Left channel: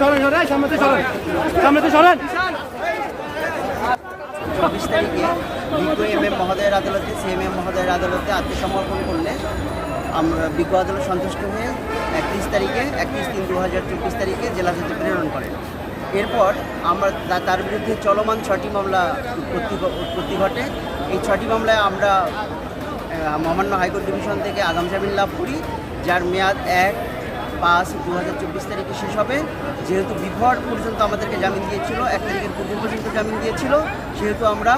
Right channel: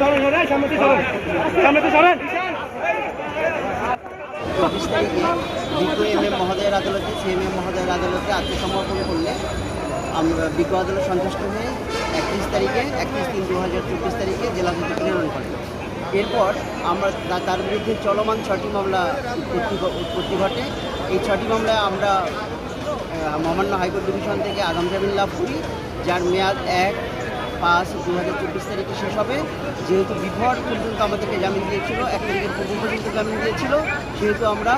সরেন সরেন সামনে সরেন সামনে সরেন চব্বিশ তারিখে এম এম মহোদয়ের আদালতে সিএমএম মহোদয়ের আদালতে আত্মসমর্পণ করলে আমরা বিজ্ঞ আদালত সন্তুষ্ট হয়ে একত্রিশ তারিখে, একত্রিশ তিন দু হাজার চব্বিশ তারিখে জেলা জজে প্রেরণ করেন। এরপর আমরা তার বিরুদ্ধে চলমান ছটি মামলা উৎপত্তি ঘটে। এই ছটি মামলায় আমরা মহামান্য হাইকোর্ট ডিভিশন থেকে আগাম জামিন লাভ করি, যার মেয়াদ এক পাঁচ দু হাজার চব্বিশ তারিখে শেষ হবে। যেহেতু বিভর পর্যন্ত আমাদেরকে জামিন দিয়েছিল, এক তারিখের পূর্ব পর্যন্ত জামিন দিয়েছিল, সেহেতু আমরা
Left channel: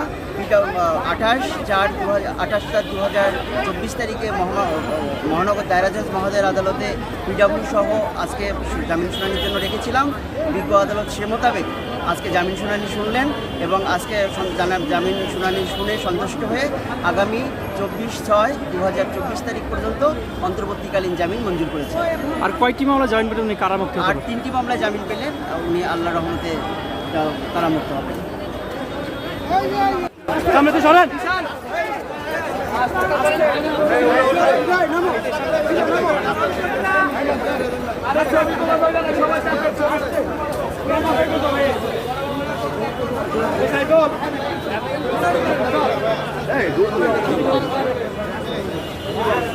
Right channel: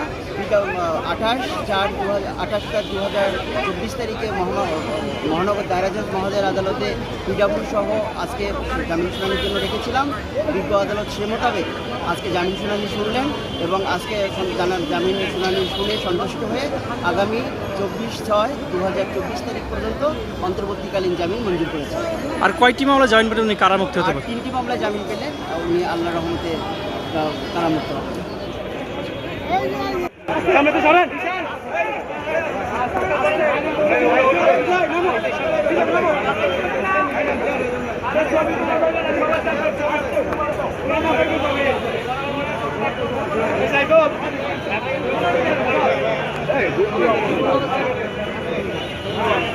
আঠাশ চার দু হাজার আঠাশ চার দু হাজার চব্বিশ তারিখে মহানগর মহানগর দায়রা জজ আদালতে পিডাব্লিউ সহ আজকে জামিন শুনানির জন্য রেখেছিলাম। বিজ্ঞ আদালত সে মোতাবেক আজকে জামিন শুনানি শুনলেন এবং আজকে জামিন শুনানি শুনে সন্তুষ্ট হয়ে আগামী চব্বিশ ছয় দু হাজার চব্বিশ তারিখ পর্যন্ত অন্তর্বর্তীকালীন জামিন মঞ্জুর করেছে। আর কয়টি মামলা জামিন পেটে উনি কারামুক্ত হতে তিনটি মামলায় জামিন পেলেন উনি আল্লাহ রহমতে কারামুক্ত হবেন। সামনে তো সরেন। Hey,